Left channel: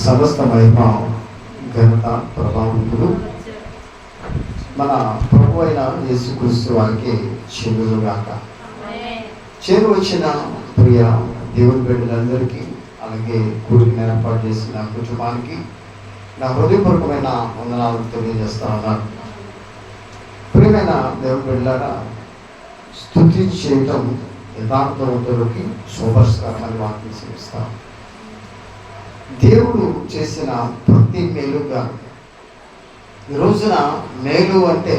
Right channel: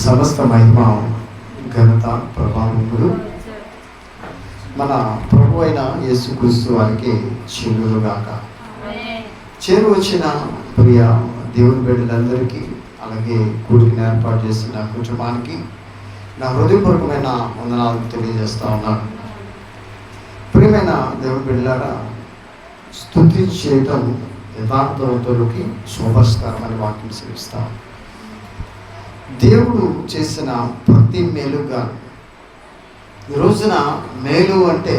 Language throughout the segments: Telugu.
సమస్త మహిమ ఘనత ప్రభావములు మన ప్రభు అయిన యేసుక్రీస్తు వారికి చెల్లుగాక చేరు వచ్చిన ప్రియ దేవుని బిడ్డలందరికీ అలాగే కూడిని ఏర్పాటు చేసిన కుటుంబానికి నా హృదయపూర్వకమైన వందనాలు తెలియజేస్తా ఉన్నాను ప్రియమైన దేవుని బిడ్డలారా స్థుతి చేయటం యథార్థవంతులకి శోభస్కరమైన వాక్యం సేవిస్తాను దేవుడు చేసిన ప్రతి మేలుగా. ఈ రోజున మేలు అంటే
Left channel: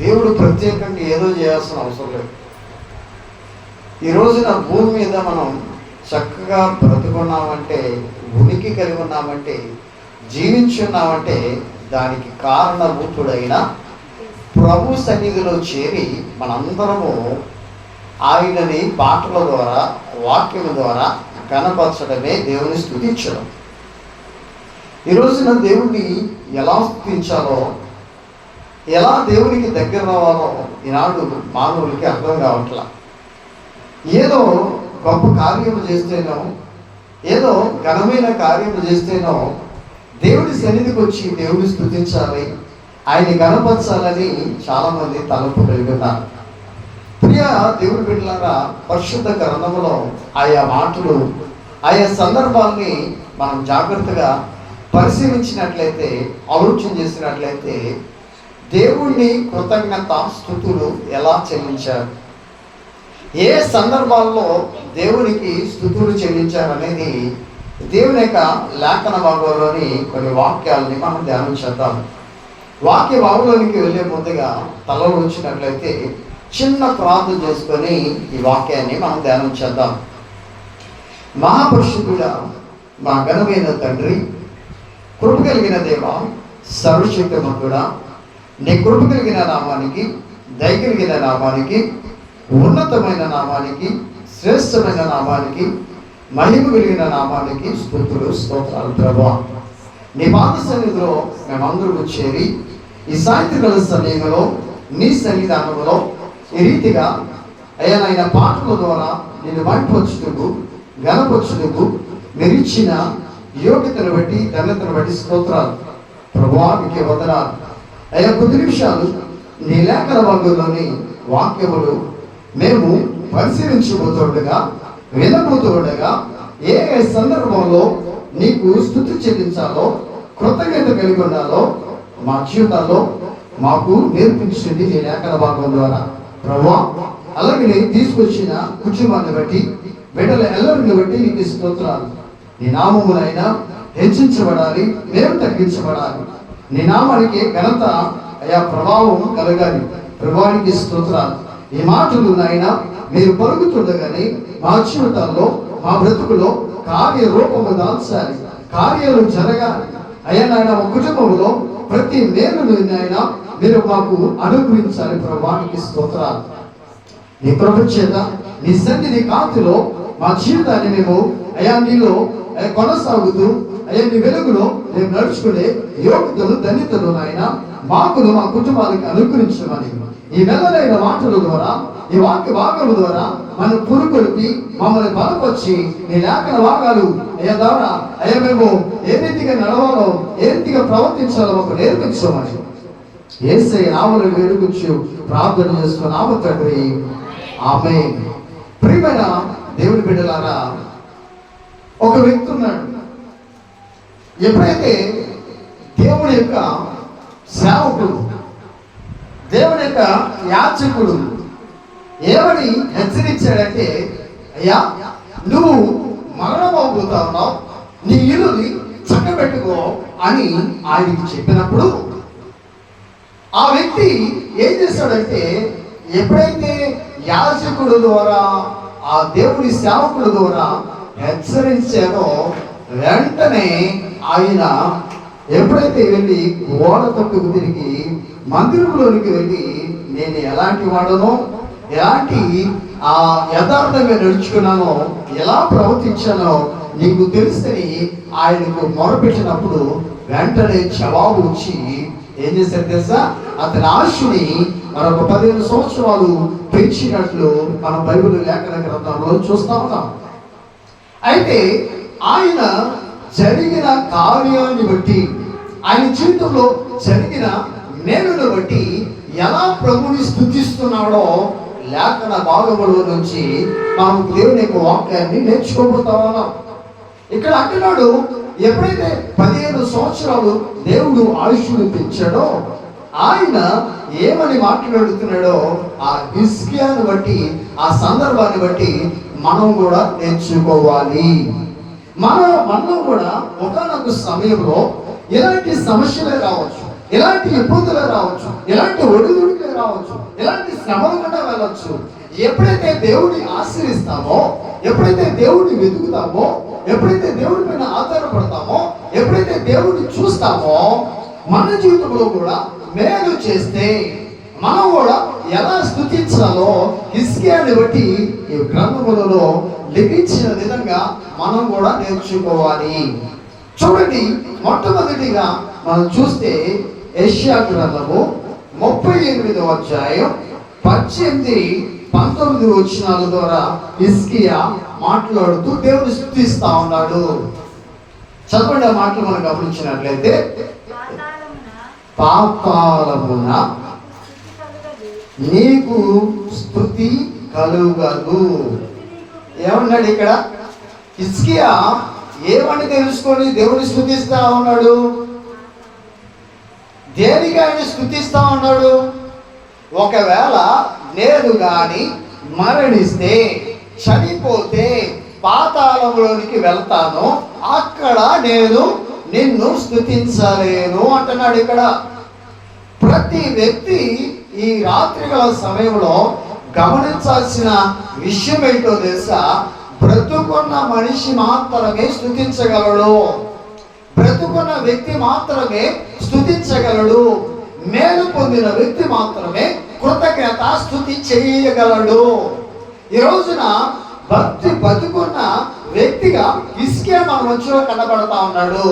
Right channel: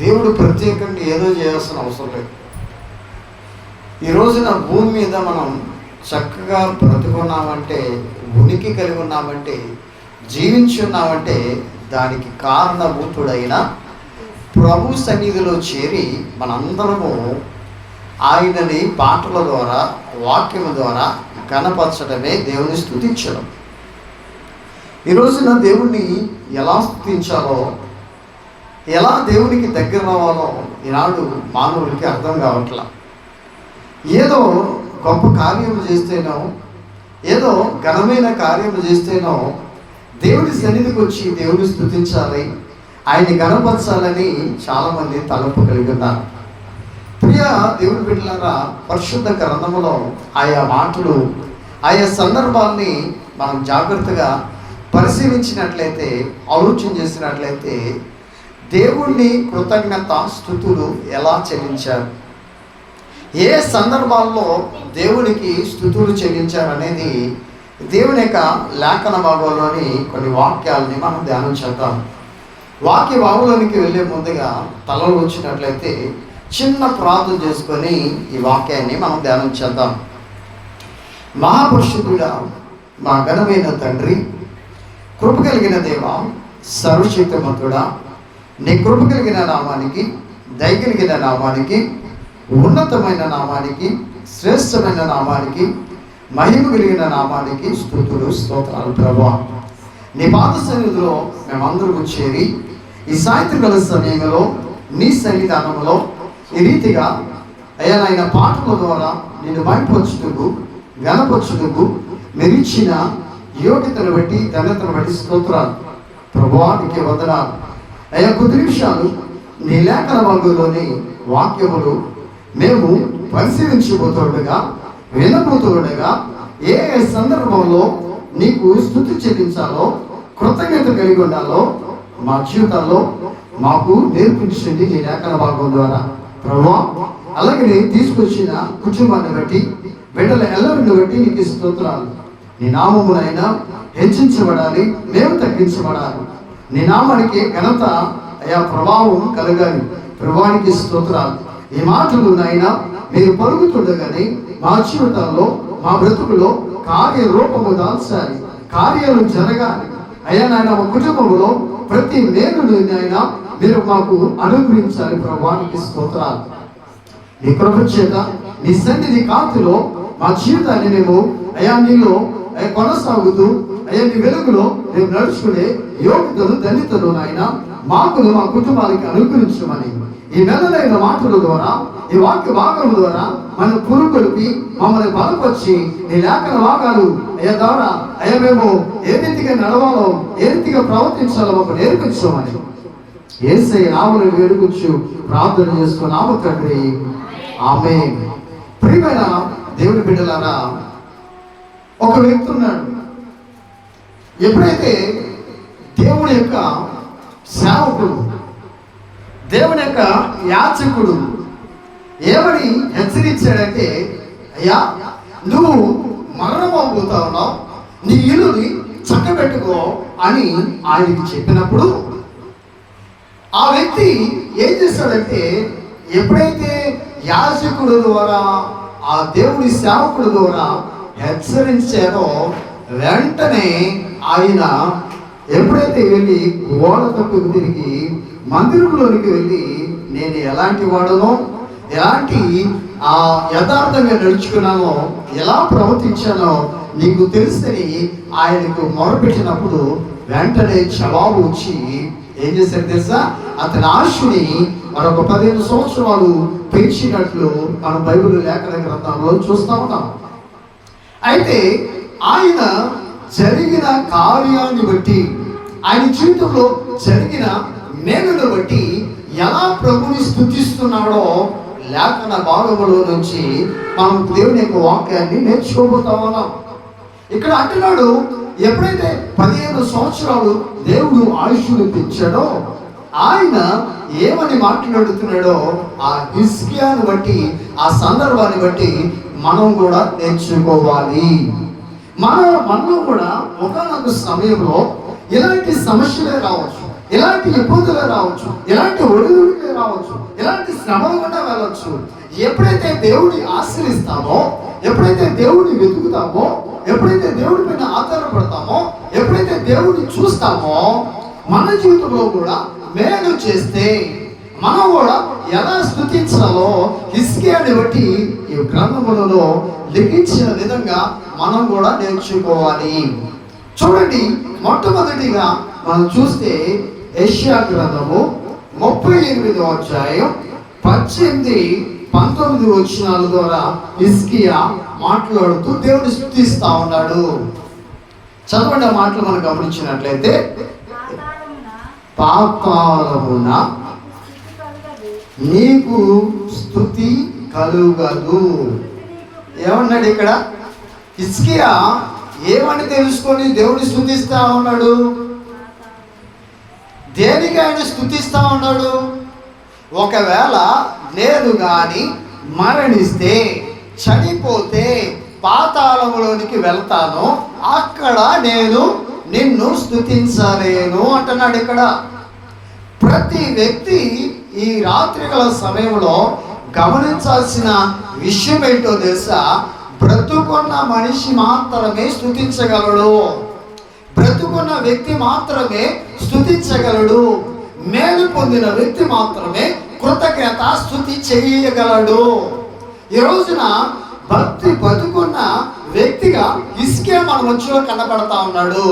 దేవుడు ప్రత్యేకంగా ఏదో చేయాల్సిన అవసరం లేదు. ఈ రోజున భూమి మీద మనం చక్కగా బ్రతుకున్నామంటే ఉనికి కలిగి ఉన్నామంటే జీవించి ఉన్నామంటే దానికి కారణభూతుడైన ప్రభు సన్నిధిలో చేరి మనందరము ఆయనని పాటల ద్వారా వాక్యం ద్వారా కనపరచడమే దేవుని స్థుతించడం. ఈ రోజున దేవుణ్ణి ఎలా స్థుతించాలో ఎలా దేవునికి దగ్గర రావాలో ఈనాడు మానవులకి అర్థం కావట్లా. ఏదో గొప్ప కార్యము చేస్తేనో ఏదో ఘనమైన కార్యము చేస్తేనో దేవుడి సన్నిధికి వచ్చి దేవుడిని స్థుతించాలి ఆయన గణపరచాలని చాలామంది తలపు కలిగి ఉన్నారు. ప్రియ దేవుడి బిడ్డలారా పరిశుద్ధ గ్రంథములో ఆయా మాటలు ఆయా సందర్భాల్ని మనం జాగ్రత్తగా పరిశీలించినట్లయితే ఆలోచన చేసినట్లయితే దేవుణ్ణి కృతజ్ఞత స్థుతులు ఎలా చెల్లించారు? ఏ సందర్భాల్లో దేవునికి స్థుతులు చెల్లించారనేది దేవుని యొక్క లేఖన భాగంలోని కొన్ని వాక్యాలని మనం ధ్యానం చేద్దాం. వాక్య భాగంలోనికి వెళ్ళే ముందుగా తలలో వచ్చినట్లయితే చిన్న ప్రార్థన చేసుకొని ఈ వాక్యాన్ని మనం ధ్యానం చేద్దాం. మహాపురుషుడుగా మా ఘనమైన తండ్రి కృప కలిగిన దేవ సర్వశక్తిమంతుడా నీ కృప కలిగిన నామానికి దయ కలిగిన నామానికి ఉన్నతమైన నామానికి శ్రేష్టమైన నామానికి మహిమ కలిగిన నామానికి స్థుతులు స్తోత్రాలు ప్రభా. నీ పాత సన్నిధిలో మేమందరము చేరి ఈ సాయంత్రకాల సమయంలో నీ సన్నిధానంలో ఈ రీతిగా అయ్యా నాయన పాటల ద్వారా నేను వైపు గనపొచ్చుటకు మీరు యోగ్యతను బట్టి ఘనతను బట్టి స్తోత్రాలు. ప్రభావానికి వదనాలు. అయ్యా కొద్ది నిమిషాలు నీ లేఖన వర్గంలోని వాక్యములు మేము పరిశీలించబోతుండగా వినబోతుండగా ఏ ఏ సందర్భంలో నీకు స్థుతి చెల్లించాలో కృతజ్ఞత కలిగి ఉండాలో మా జీవితాల్లో మాకు నేర్పించింది నీ లేఖన భాగం ద్వారా. ప్రభా అలాగే నేను తీసుకొచ్చిన కుటుంబాన్ని బట్టి బిడ్డల ఎల్లరిని బట్టి నీకు స్తోత్రాలు. నీ నామమునైనా హెచ్చించబడాలి మేము తగ్గించబడాలి. నీ నామానికి ఘనత అయా ప్రభావం కలగాలి. ప్రభావానికి స్తోత్రాలు. ఈ మాటలు నాయన మీరు పరుగుతుండగానే మా జీవితాల్లో మా బ్రతుకులో కార్యరూపము దాల్చాలి. కార్యాలు జరగాలి. అయ్యా నాయన మా కుటుంబంలో ప్రతి నేను నాయన మీరు మాకు అనుగ్రహించాలి ప్రభానికి స్తోత్రాలు. నీ కృప చేత నీ సన్నిధి కాంతిలో మా జీవితాన్ని మేము అయా నీలో కొనసాగుతూ అయ్యా నీ వెలుగులో మేము నడుచుకునే యోగ్యతలు దళితులు ఆయన మాకులు మా కుటుంబానికి అనుగ్రహించమని. ఈ మెల్లలైన మాటల ద్వారా ఈ వాక్య భాగం ద్వారా మన పురుకొలిపి మమ్మల్ని బలపరిచి నీ లేఖన భాగాలు అయ్యా ద్వారా అయ్యా మేము ఏ రీతిగా నడవాలో ఏ రీతిగా ప్రవర్తించాలో మాకు నేర్పించమని. ఏసై నామను వేడుకొచ్చు. ప్రార్థన చేసుకున్నాము తండ్రి. ఆమె ప్రియమైన దేవుని బిడ్డలారా ఒక వ్యక్తి ఉన్నాడు. ఎప్పుడైతే దేవుని యొక్క సేవకుడు దేవుని యొక్క యాచకుడు ఏమని హెచ్చరించాడంటే అయ్యా నువ్వు మరణం ఉన్నావు. నీ ఇల్లుని చక్కబెట్టుకో అని ఆయనకి చెప్పినప్పుడు ఆ వ్యక్తి ఏం చేస్తాడంటే ఎప్పుడైతే యాజకుడు ద్వారా ఆ దేవుడి సేవకుడు ద్వారా హెచ్చరించారో వెంటనే ఆయన ఎప్పుడైతే వెళ్ళి గోడ తప్పుకు తిరిగి మందిరంలోనికి వెళ్ళి నేను ఎలాంటి వాడనో ఎలాంటి ఆ యథార్థంగా నడుచుకున్నానో ఎలా ప్రవర్తించానో నీకు తెలుసని ఆయనకు మొరపెట్టినప్పుడు వెంటనే జవాబు వచ్చి ఏం చేశారు తెలుసా? అతని ఆశని మరొక పదిహేను సంవత్సరాలు పెంచినట్లు మన బైబిల్ లేఖన గ్రంథంలో చూస్తూ ఉన్నాం. అయితే ఆయన జరిగిన కార్యాన్ని బట్టి ఆయన జీవితంలో జరిగిన మేలును బట్టి ఎలా ప్రభుని స్థుతిస్తున్నాడో లేఖన భాగంలో నుంచి మనం దేవుని యొక్క వాక్యాన్ని నేర్చుకోబోతా ఉన్నాం. ఇక్కడ అంటున్నాడు ఎప్పుడైతే పదిహేను సంవత్సరాలు దేవుడు ఆయుష్ను పెంచాడో ఆయన ఏమని మాట్లాడుతున్నాడో ఆ హిస్కియాను బట్టి ఆ సందర్భాన్ని బట్టి మనం కూడా నేర్చుకోవాలి. మన మనం కూడా ఒకనొక సమయంలో ఇలాంటి సమస్యలే రావచ్చు ఇలాంటి ఇబ్బందులే రావచ్చు ఇలాంటి ఒడిదుడికే రావచ్చు ఇలాంటి శ్రమలు కూడా వెళ్ళవచ్చు ఎప్పుడైతే దేవుడిని ఆశ్రయిస్తామో ఎప్పుడైతే దేవుడిని వెతుకుతామో ఎప్పుడైతే దేవుడి పైన ఆధారపడతామో ఎప్పుడైతే దేవుడిని చూస్తామో మన జీవితంలో కూడా మేలు చేస్తే మనం కూడా ఎలా స్థుతించాలో హిస్కియాని బట్టి ఈ గ్రంథములలో లిఖించిన విధంగా మనం కూడా నేర్చుకోవాలి. చూడండి మొట్టమొదటిగా మనం చూస్తే ఏషియా గ్రంథము ముప్పై ఎనిమిదవ అధ్యాయం పద్దెనిమిది పంతొమ్మిది వచ్చినాల ద్వారా హిస్కియా మాట్లాడుతూ దేవుడు స్థుతిస్తా ఉన్నాడు. చదవండి ఆ మాటలు మనం గమనించినట్లయితే పాపాలమున నీకు స్థుతి కలుగదు. ఏమన్నాడు ఇక్కడ? ఇస్కియా ఏమని తెలుసుకొని దేవుని స్థుతిస్తా ఉన్నాడు? దేనికి ఆయన స్థుతిస్తా ఉన్నాడు? ఒకవేళ నేను గాని మరణిస్తే చనిపోతే పాతాళంలోనికి వెళ్తాను అక్కడ నేను నిన్ను స్థుతించలేను అంటున్నాడు ఇక్కడ. ప్రతి వ్యక్తి ఈ రాత్రిగల సమయంలో గమనించాల్సిన విషయం ఏంటో తెలుసా? బ్రతుకున్న మనిషి మాత్రమే స్థుతించగలడు బ్రతుకున్న వ్యక్తి మాత్రమే స్థుతించగలడు మేలు పొందిన వ్యక్తి మాత్రమే కృతజ్ఞత స్థుతి చేయగలడు. ఈ రోజున భక్తి బతుకున్న వ్యక్తిగా ఇసుకే మన మధ్యలో కనబడతా ఉన్నాడు.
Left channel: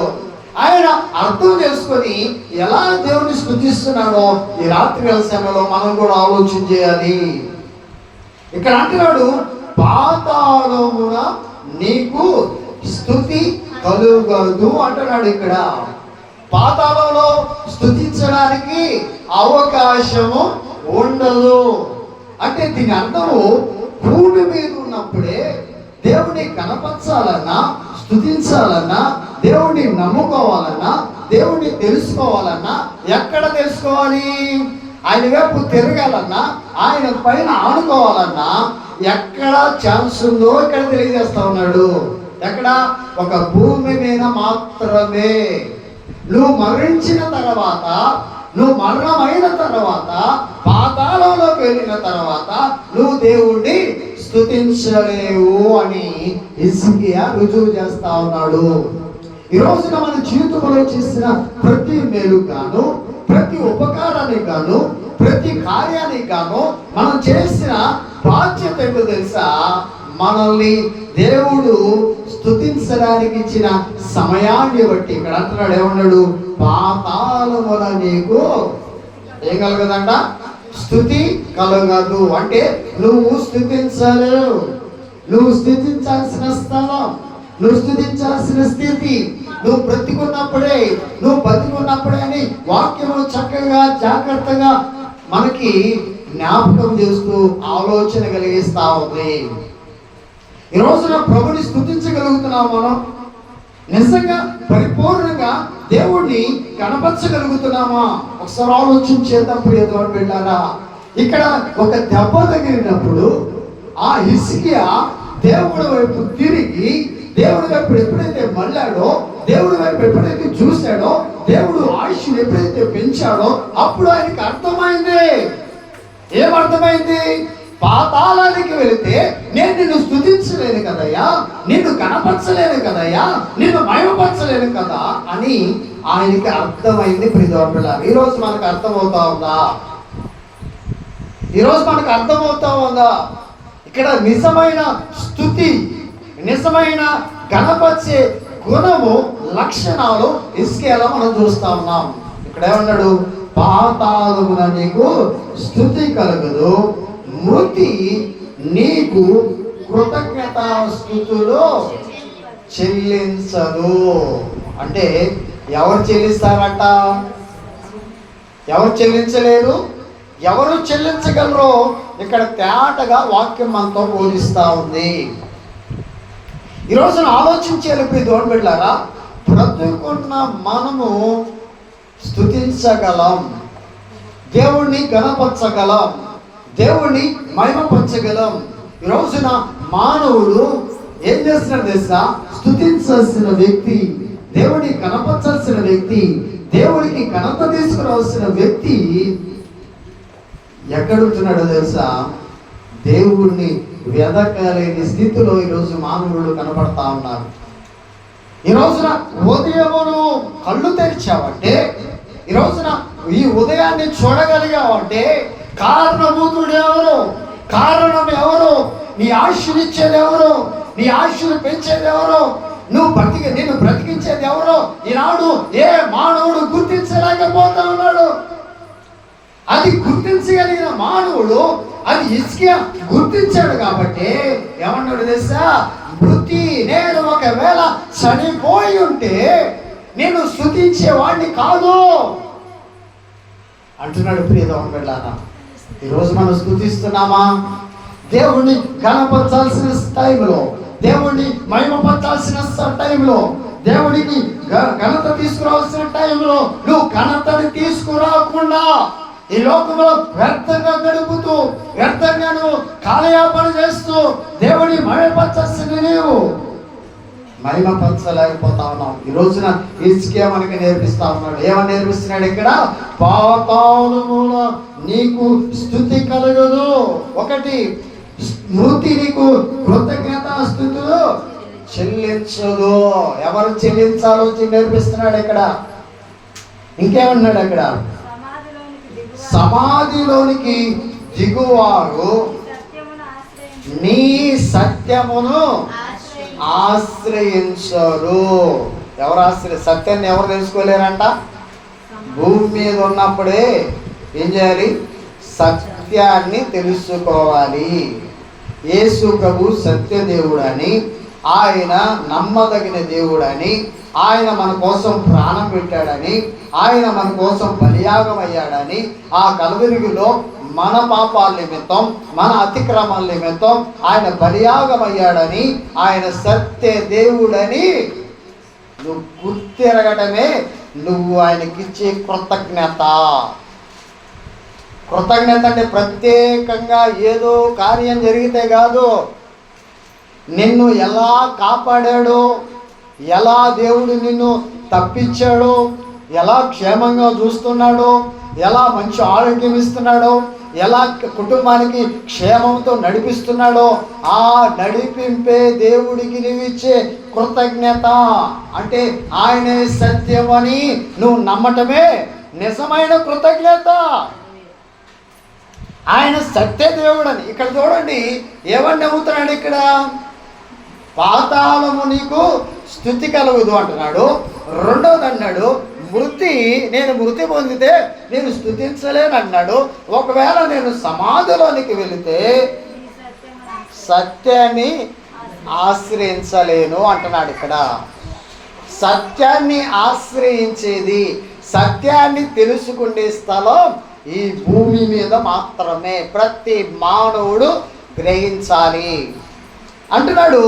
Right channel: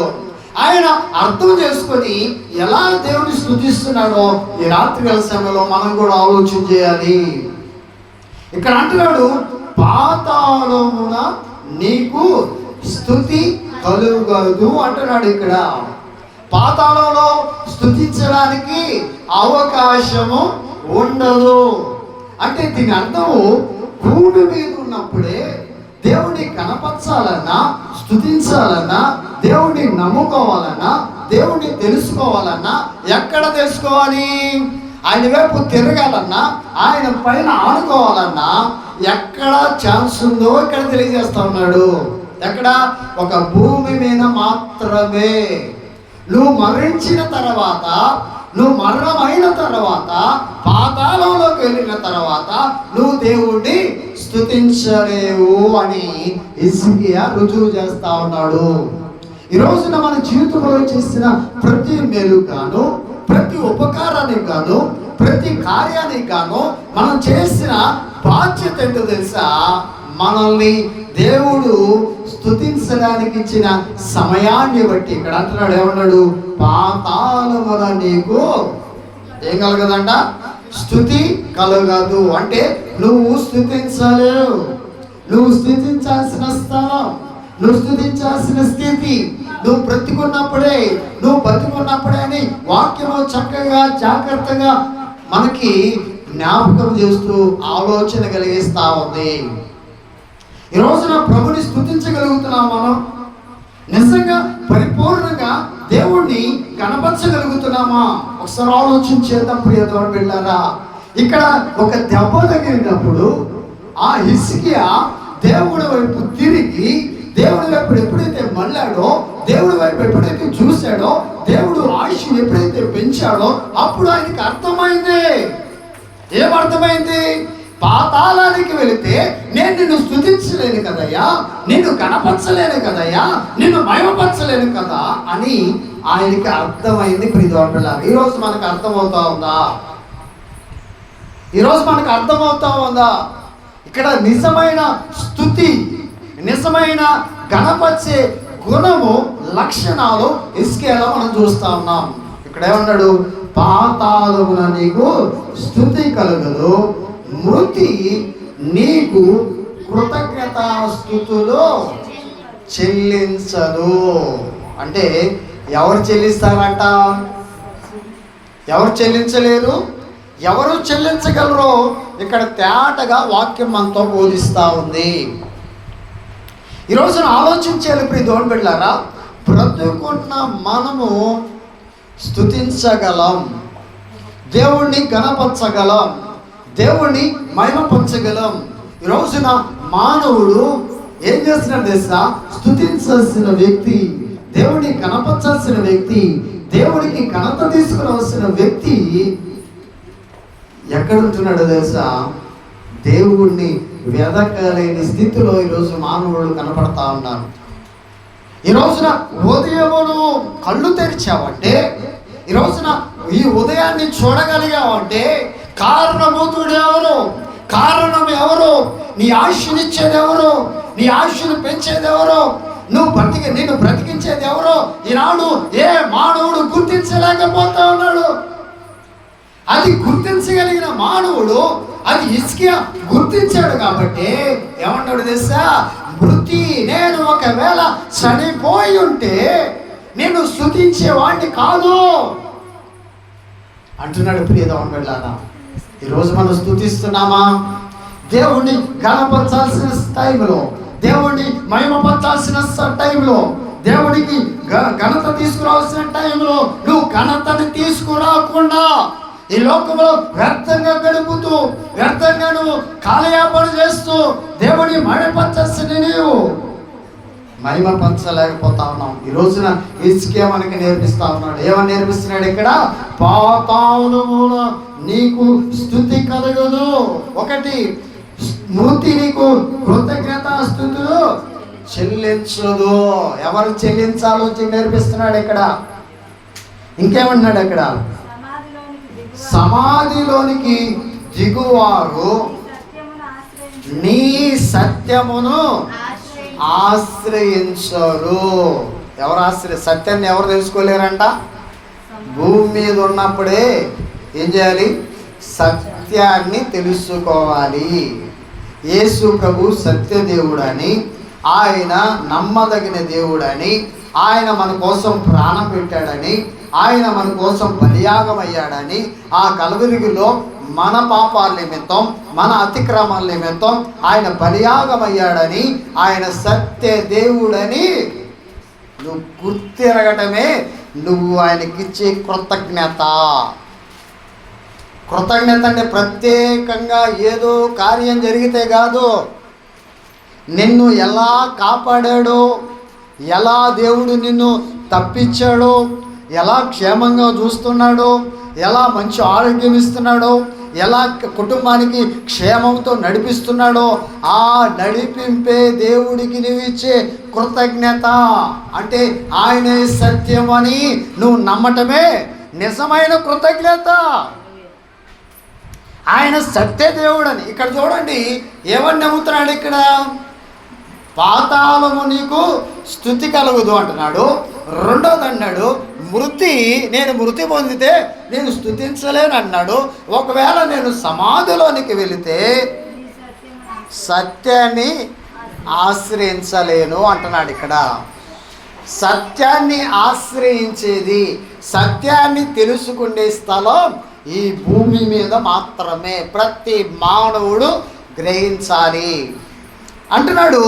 ఆయన అర్థం చేసుకొని ఎలా దేవుని స్థుతిస్తున్నాడో ఈ రాత్రి వేళ సమయంలో మనం కూడా ఆలోచన చేయాలి. ఇక్కడ అంటున్నాడు పాతాళమున నీకు స్థుతి కలుగదు అంటున్నాడు ఇక్కడ. పాతాళంలో స్థుతించడానికి అవకాశము ఉండదు. అంటే దీని అర్థము భూమి మీద ఉన్నప్పుడే దేవుని కనపరచాలన్నా స్థుతించాలన్నా దేవుడిని నమ్ముకోవాలన్నా దేవుడిని తెలుసుకోవాలన్నా ఎక్కడ తెలుసుకోవాలి? ఆయన వైపు తిరగాలన్నా ఆయన పైన ఆడుకోవాలన్నా ఎక్కడ ఛాన్స్ ఉందో ఇక్కడ తెలియజేస్తా ఉన్నాడు. ఎక్కడ? ఒక భూమి మీద మాత్రమే. నువ్వు మరణించిన తర్వాత నువ్వు మరణమైన తర్వాత పాతాళంలోకి వెళ్ళిన తర్వాత నువ్వు దేవుణ్ణి స్థుతించలేవు అని ఇసుకియా రుజువు చేస్తా ఉన్నాడు. ఈ రోజున మన జీవితంలో చేసిన ప్రతి మేలు గాను ప్రతి ఉపకారానికి గాను ప్రతి కార్యానికి గాను మనం చేసిన బాధ్యత ఏంటో తెలుసా? మనల్ని దేవుడు స్థుతించడానికి ఇచ్చిన సమయాన్ని బట్టి. ఇక్కడ అంటున్నాడు ఏమన్నాడు? పాతాళమున నీకు ఏం కలగదంట? స్థుతి కలగదు. అంటే నువ్వు స్థుతించలేవు నువ్వు స్థుతించాల్సిన స్థానం నువ్వు స్థుతించాల్సిన స్థితి నువ్వు బ్రతికున్నప్పుడే నువ్వు బ్రతికున్నప్పుడే అని వాక్యము చక్కగా జాగ్రత్తగా మనకి జ్ఞాపకం చేస్తూ ఆలోచన కలిగిస్తా ఉంది. ఈ రోజున ప్రభుని స్థుతించగలుగుతున్నాం మనం. నిజంగా పరిపూర్ణంగా దేవుణ్ణి కనపరచగలుగుతున్నామా? ఒకసారి ఆలోచించేద్దాం ప్రియతో వెళ్ళారా? ఇక్కడ ఒక దెబ్బ తగిలినప్పుడు ఆ హిస్కియా దేవుడి వైపు తిరిగి దేవుడి వైపు ఎప్పుడైతే మళ్ళాడో దేవుడి వైపు ఎప్పుడైతే చూశాడో దేవుడు ఆయుష్ని ఎప్పుడైతే పెంచాడో అప్పుడు ఆయనకి అర్థమైంది. ఏమర్థమైంది? పాతాళానికి వెళితే నేను నిన్ను స్థుతించలేను కదయ్యా నిన్ను కనపరచలేను కదయ్యా నిన్ను మయమపరచలేను కదా అని ఆయనకి అర్థమైంది ప్రిదోపిల్ల ఈరోజు మనకు అర్థమవుతా ఉందా? ఈరోజు మనకు అర్థమవుతా ఉందా? ఇక్కడ నిజమైన స్థుతి నిజమైన గణపరిచే గుణము లక్షణాలు ఇసుకేలా మనం చూస్తా ఉన్నాం. ఇక్కడ ఏమన్నాడు? పాతాళమున నీకు స్థుతి కలగదు మృతి నీకు కృతజ్ఞత స్థుతులు చెల్లించదు అంటే ఎవరు చెల్లిస్తారంట? ఎవరు చెల్లించలేరు? ఎవరు చెల్లించగలరో ఇక్కడ తేటగా వాక్యం మనతో బోధిస్తూ ఉంది. ఈ రోజున ఇప్పుడు దోణ బిడ్డారా బ్రతుకున్న మనము స్థుతించగలం దేవుణ్ణి గణపరచగలం దేవుణ్ణి మహిమపరచగలం. ఈ రోజున మానవుడు ఏం చేస్తున్నాడు తెలుసా? స్థుతించాల్సిన వ్యక్తి దేవుడి కనపరచాల్సిన వ్యక్తి దేవుడికి ఘనత తీసుకురావాల్సిన వ్యక్తి ఎక్కడ ఉంటున్నాడో తెలుసా? దేవుణ్ణి వెదకలేని స్థితిలో ఈరోజు మానవుడు కనపడతా ఉన్నారు ఈ రోజున ఉదయమును కళ్ళు తెరిచావంటే ఈ రోజున ఈ ఉదయాన్ని చూడగలిగావంటే కారణభూతుడు ఎవరు? కారణం ఎవరు? నీ ఆశనిచ్చేది ఎవరు? నీ ఆశను పెంచేది ఎవరు? నువ్వు బ్రతికి నేను బ్రతికించేది ఎవరో ఈనాడు ఏ మానవుడు గుర్తించలేకపోతా ఉన్నాడు. అది గుర్తించగలిగిన మానవుడు అది ఇసుక గుర్తించాడు కాబట్టి ఏమన్నాడు తెలుసా? మృతి నేను ఒకవేళ చనిపోయి ఉంటే నేను స్థుతించేవాడిని కాదు. అంటున్నాడు ప్రియదవం వెళ్ళారా ఈరోజు మనం స్థుతిస్తున్నామా దేవుణ్ణి గణపరచాల్సిన టైంలో దేవుణ్ణి మహిమ టైంలో దేవుడికి గ- ఘనత తీసుకురావాల్సిన టైంలో నువ్వు ఘనతను తీసుకురాకుండా ఈ లోకంలో వ్యర్థంగా గడుపుతూ వ్యర్థంగా నువ్వు కాలయాపన చేస్తూ దేవుని మహిమపరచాల్సిన నీవు. మహిమపరచలేకపోతా ఉన్నాం ఈ రోజున ఇసుకే మనకి నేర్పిస్తా ఉన్నాడు. ఏమని నేర్పిస్తున్నాడు ఇక్కడ? పాతాళముల నీకు స్థుతి కలగదు ఒకటి స్మృతి నీకు కృతజ్ఞత స్థుతులు చెల్లించదు. ఎవరు చెల్లించాలో నేర్పిస్తున్నాడు ఇక్కడ. ఇంకేమన్నాడు అక్కడ? సమాధిలోనికి దిగువారు నీ సత్యమును ఆశ్రయించరు. ఎవరు ఆశ్రయ సత్యాన్ని ఎవరు తెలుసుకోలేరంట? భూమి మీద ఉన్నప్పుడే ఏం చేయాలి? సత్యాన్ని తెలుసుకోవాలి. యేసు ప్రభు సత్యదేవుడని ఆయన నమ్మదగిన దేవుడని ఆయన మన కోసం ప్రాణం పెట్టాడని ఆయన మన కోసం బలియాగం అయ్యాడని ఆ కలుగురిగిలో మన పాపాల నిమిత్తం మన అతిక్రమాల నిమిత్తం ఆయన బలియాగం అయ్యాడని ఆయన సత్య దేవుడని నువ్వు గుర్తిరగటమే నువ్వు ఆయనకిచ్చే కృతజ్ఞత. కృతజ్ఞత అంటే ప్రత్యేకంగా ఏదో కార్యం జరిగితే కాదు. నిన్ను ఎలా కాపాడాడో ఎలా దేవుడు నిన్ను తప్పించాడో ఎలా క్షేమంగా చూస్తున్నాడో ఎలా మంచి ఆరోగ్యం ఇస్తున్నాడో ఎలా కుటుంబానికి క్షేమంతో నడిపిస్తున్నాడో ఆ నడిపింపే దేవుడికి నువ్వు ఇచ్చే కృతజ్ఞత. అంటే ఆయనే సత్యం అని నువ్వు నమ్మటమే నిజమైన కృతజ్ఞత. ఆయన సత్య దేవుడని. ఇక్కడ చూడండి ఏమని నమ్ముతున్నాడు ఇక్కడ? పాతాళము నీకు స్థుతి కలుగుదు అంటున్నాడు. రెండోది అన్నాడు మృతి నేను మృతి పొందితే నేను స్థుతించలేను అన్నాడు. ఒకవేళ నేను సమాధిలోనికి వెళితే సత్యాన్ని ఆశ్రయించలేను అంటున్నాడు ఇక్కడ. సత్యాన్ని ఆశ్రయించేది సత్యాన్ని తెలుసుకునే స్థలం ఈ భూమి మీద మాత్రమే. ప్రతి మానవుడు గ్రహించాలి. అంటున్నాడు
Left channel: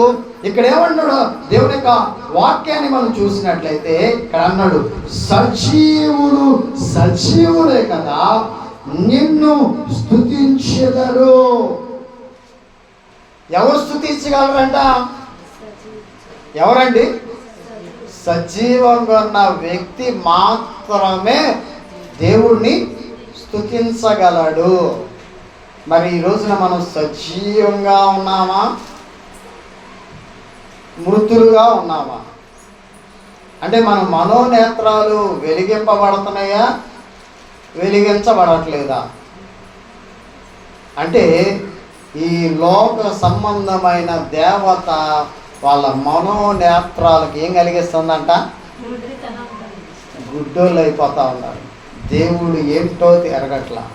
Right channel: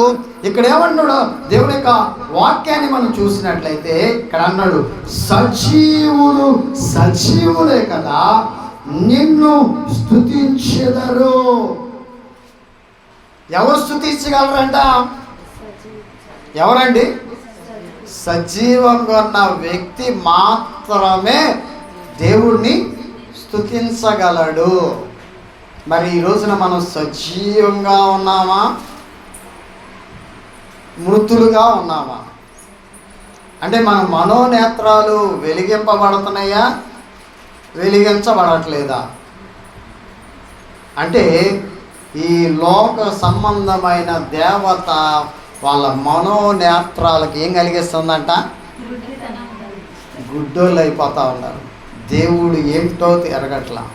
ఇక్కడ ఏమంటున్నాడు దేవుడి యొక్క వాక్యాన్ని మనం చూసినట్లయితే ఇక్కడ అన్నాడు సజీవులు సజీవులే కదా నిన్ను స్థుతించెదరు ఎవరు స్థుతించగలరంట ఎవరండి? సజీవంగా ఉన్న వ్యక్తి మాత్రమే దేవుణ్ణి స్థుతించగలడు మరి ఈ రోజున మనం సజీవంగా ఉన్నామా? మృతులుగా ఉన్నామా? అంటే మన మనోనేత్రాలు వెలిగింపబడుతున్నాయా? వెలిగించబడట్లేదా? అంటే ఈ లోక సంబంధమైన దేవత వాళ్ళ మనోనేత్రాలకు ఏం కలిగిస్తుందంట? గుడ్డోళ్ళు అయిపోతూ ఉన్నారు. దేవుడు ఏమిటో ఎరగట్లా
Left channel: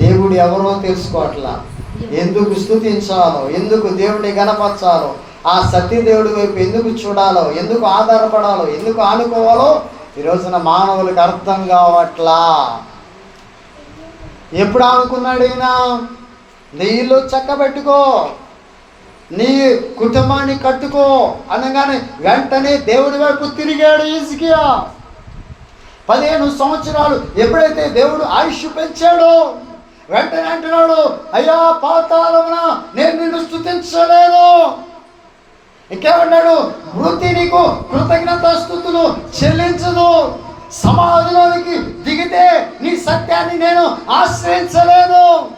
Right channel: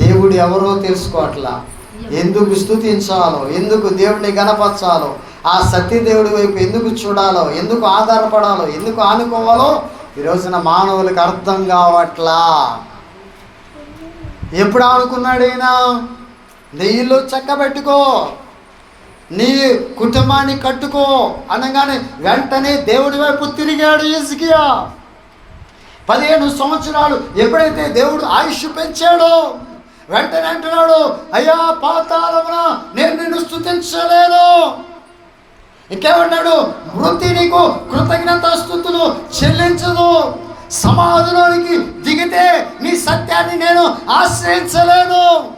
దేవుడు ఎవరో తెలుసుకోవట్లా. ఎందుకు స్థుతించాలో ఎందుకు దేవుడిని గణపరచాలో ఆ సతీదేవుడి వైపు ఎందుకు చూడాలో ఎందుకు ఆధారపడాలో ఎందుకు ఆనుకోవాలో ఈ రోజున మానవులకు అర్థం కావట్లా. ఎప్పుడు ఆనుకున్నాడు ఈయన? నీ ఇల్లు చక్కబెట్టుకో నీ కుటుంబాన్ని కట్టుకో అనగానే వెంటనే దేవుడి వైపు తిరిగాడు ఇసుకియా పదిహేను సంవత్సరాలు ఎప్పుడైతే దేవుడు ఆయుష్ పెంచాడో వెంటనే అంటున్నాడు అయ్యా పాతాలమున నేను నిన్ను స్థుతించలేను. ఇంకేమన్నాడు? వృత్తి నీకు కృతజ్ఞత స్థుతులు చెల్లించదు సమాధిలోనికి దిగితే నీ సత్యాన్ని నేను ఆశ్రయించలేను.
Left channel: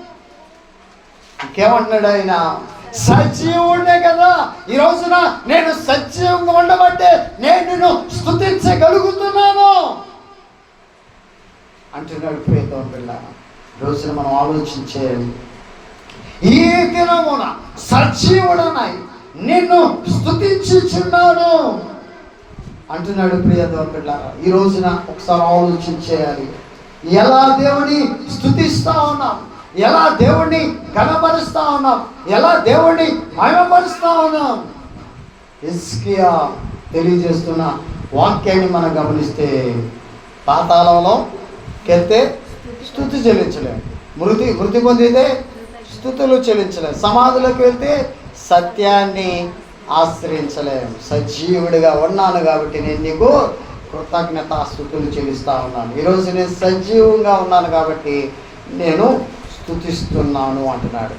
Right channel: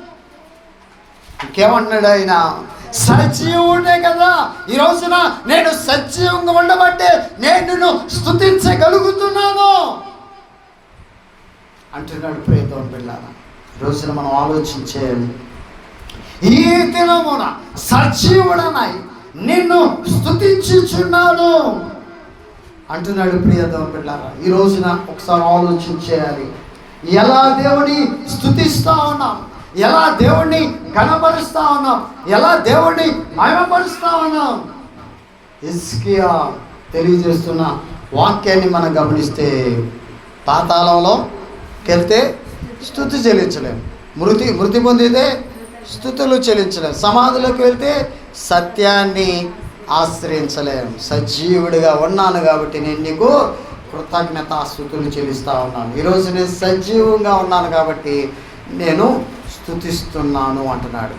ఇంకేమన్నాడు ఆయన? సజీవుడే కదా. ఈ రోజున నేను సజీవంగా ఉండబట్టే నేను నిన్ను స్థుతించగలుగుతున్నాను. అంటున్నాడు ప్రియతో పిల్ల రోజున మనం ఆలోచించేయాలి ఈ దినమున సజీవుడనాయి నిన్ను స్థుతించుచున్నాను అంటున్నాడు ప్రియతో ఈ రోజున ఒకసారి ఆలోచించేయాలి. ఎలా దేవుని స్థుతిస్తా ఉన్నాం? ఎలా దేవుణ్ణి కనపరుస్తా ఉన్నాం? ఎలా దేవుణ్ణి మయమపరుస్తా ఉన్నాం? ఇస్కియా తెలియజేస్తున్న వాక్యాన్ని మనం గమనిస్తే పాతాళంలో కెళ్తే స్థుతి చెల్లించలేము మృతి మృతి పొందితే స్థుతులు చెల్లించలేము సమాధిలోకి వెళ్తే సత్యాన్ని ఆశ్రయించలేము సజీవుడిగా ఉన్నాను కాబట్టి నేను నీకు కృతజ్ఞత స్థుతులు చెల్లిస్తా ఉన్నాను. ఈరోజు నేను సజీవంగా ఉన్నాను కాబట్టి నేను స్థుతిస్తున్నాను అంటున్నాడు.